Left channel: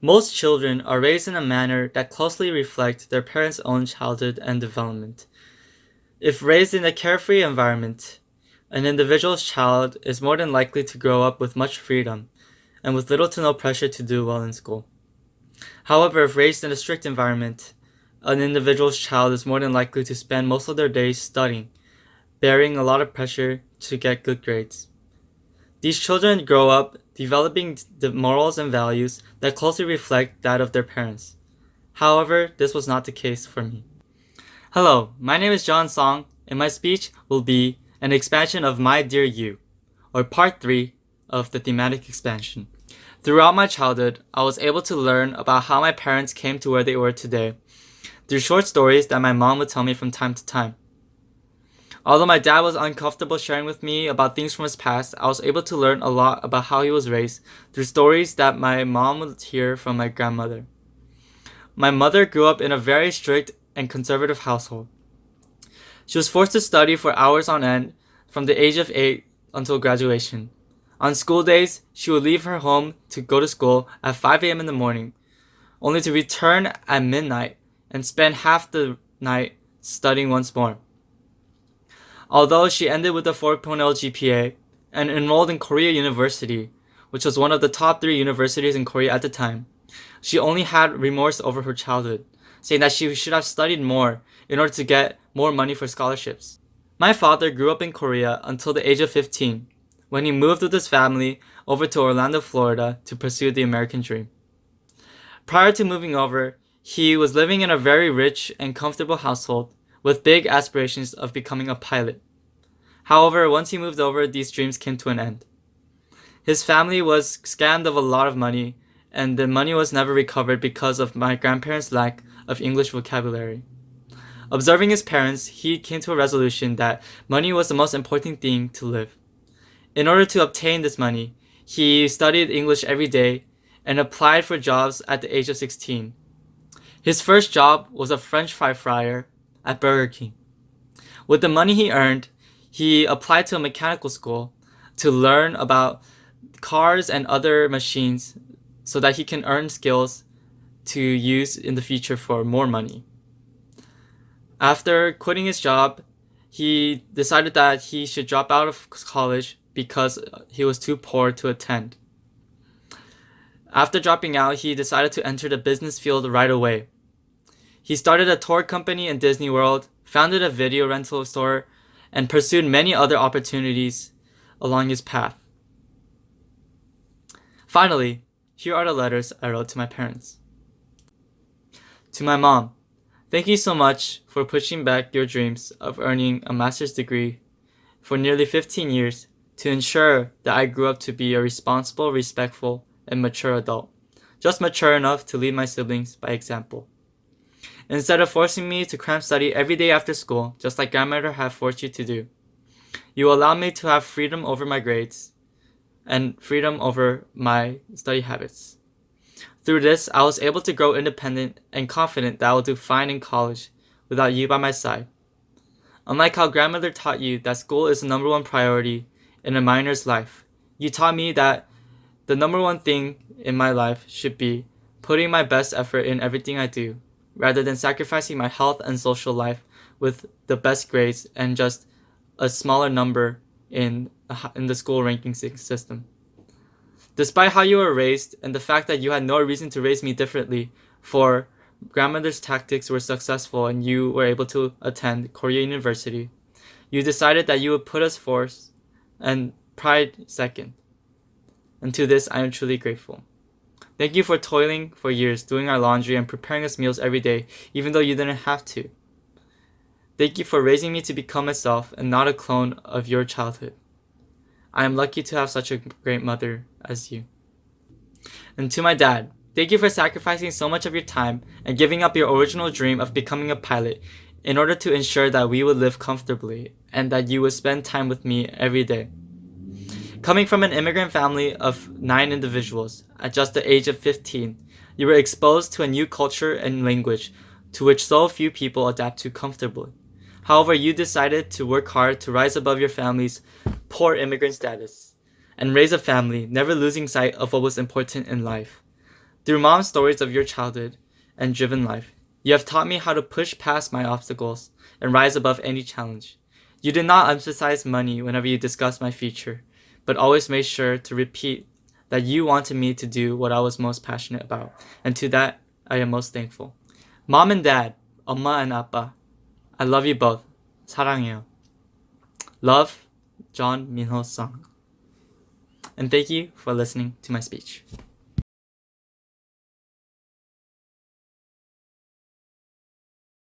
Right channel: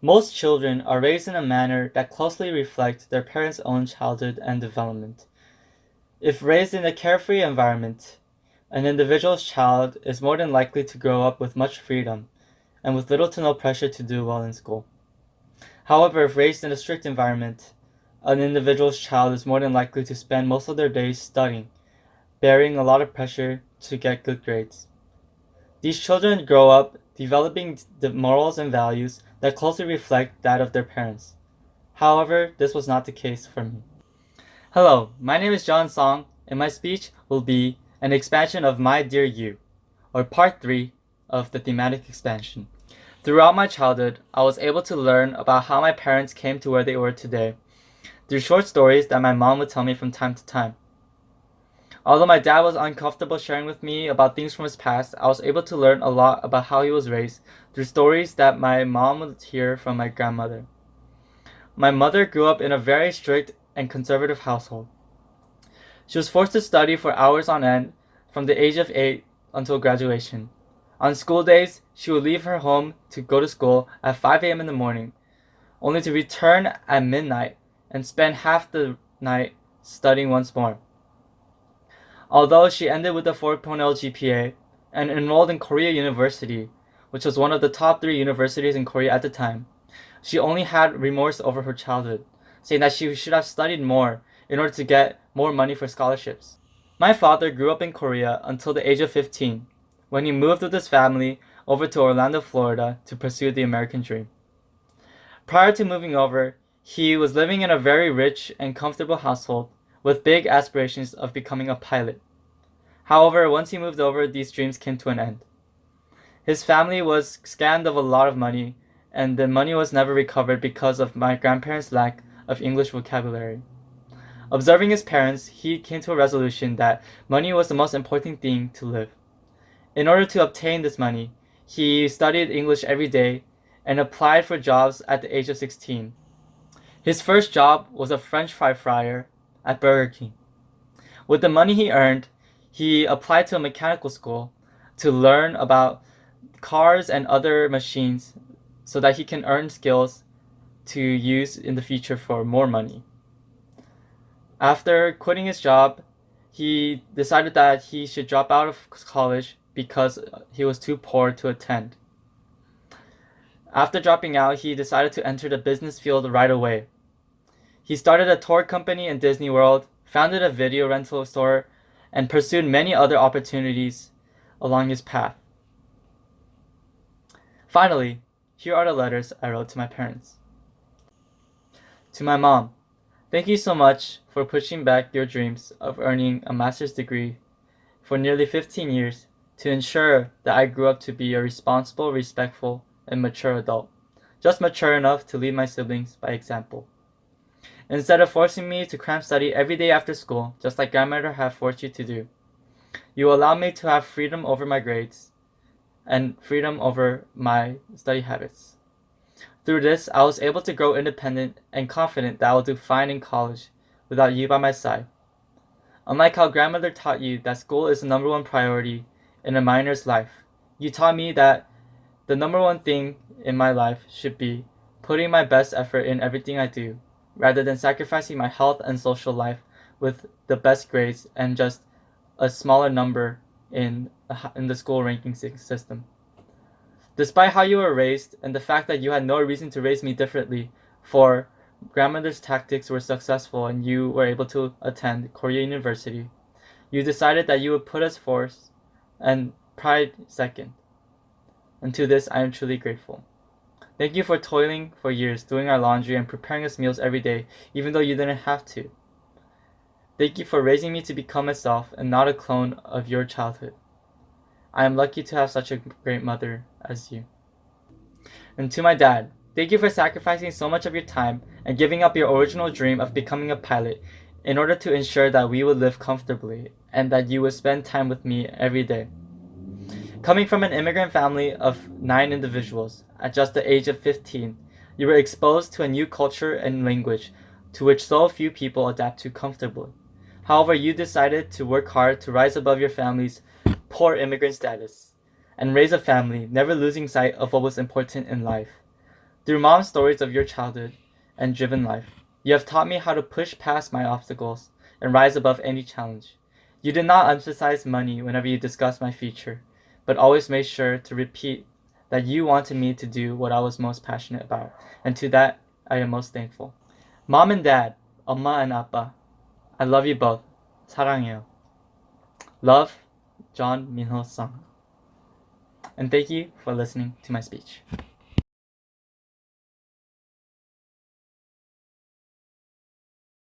Most children are raised in a manner that closely reflects their parents' own childhood and development. If raised in a carefree environment, an individual's child is more than likely to grow up with much freedom and with little to no pressure to do well in school. However, if raised in a strict environment, an individual's child is more than likely to spend most of their days studying, bearing a lot of pressure to get good grades. These children grow up developing the morals and values that closely reflect that of their parents. However, this was not the case for me. Hello, my name is John Song, and my speech will be an expansion of My Dear You, or part 3 of the thematic expansion. Throughout my childhood, I was able to learn about how my parents came to where they were today through short stories that my mom would tell me from time to time. Although my dad was uncomfortable sharing with me about things from his past, I was able to learn a lot about how he was raised through stories that my mom would hear from my grandmother. My mother grew up in a very strict and conservative household. She was forced to study for hours on end from the age of 8 until graduation. On school days, she would leave her home to go to school at 5 a.m. in the morning, only to return at midnight and spend half the night studying once more. Although she ended with a 4.0 GPA and enrolled in Korea University, which was one of the top 3 universities in Korea at the time, she only had remorse over her childhood, saying that she should have studied more in order to get more money for scholarships. My father grew up in Korea until the age of 15, when he moved with his family over to Orlando, Florida to pursue the American dream. Prior to moving over, he was living in a very rich and comfortable household with big aspirations of becoming a pilot. However, once he moved over, these dreams came to an end. His family was scammed of a lot of money, and the money was never recovered because of my grandparents' lack of English vocabulary. Observing his parents, he came to a resolution that money was the most important thing to live. In order to obtain this money, he studied English every day and applied for jobs at the age of 16. His first job was a French fry fryer at Burger King. With the money he earned, he applied to a mechanical school to learn about cars and other machines so that he can earn skills to use in the future for more money. After quitting his job, he decided that he should drop out of college because he was too poor to attend. After dropping out, he decided to enter the business field right away. He started a tour company in Disney World, founded a video rental store, and pursued many other opportunities along his path. Finally, here are the letters I wrote to my parents. To my mom, thank you so much for pushing back your dreams of earning a master's degree for nearly 15 years to ensure that I grew up to be a responsible, respectful, and mature adult, just mature enough to lead my siblings by example. Instead of forcing me to cram study every day after school, just like grandmother had forced you to do, you allowed me to have freedom over my grades and freedom over my study habits. Through this, I was able to grow independent and confident that I will do fine in college without you by my side. Unlike how grandmother taught you that school is the number one priority in a minor's life, you taught me that the number one thing in my life should be putting my best effort in everything I do, rather than sacrificing my health and social life with the best grades and just a smaller number in the school ranking system. Despite how you were raised and the fact that you had no reason to raise me differently, for grandmother's tactics were successful and you were able to attend Korea University, you decided that you would put us first and pride second. And to this, I am truly grateful. Thank you for toiling for years, doing our laundry and preparing us meals every day, even though you didn't have to. Thank you for raising me to become myself and not a clone of your childhood. I am lucky to have such a great mother as you. And to my dad, thank you for sacrificing so much of your time and giving up your original dream of becoming a pilot in order to ensure that we would live comfortably and that you would spend time with me every day. Coming from an immigrant family of 9 individuals at just the age of 15, you were exposed to a new culture and language to which so few people adapt to comfortably. However, you decided to work hard to rise above your family's poor immigrant status and raise a family, never losing sight of what was important in life. Through mom's stories of your childhood and driven life, you have taught me how to push past my obstacles and rise above any challenge. You did not emphasize money whenever you discussed my future, but always made sure to repeat that you wanted me to do what I was most passionate about, and to that I am most thankful. Mom and Dad, 엄마 and 아빠, I love you both. 사랑해요. Love, John Minho Sung. And thank you for listening to my speech.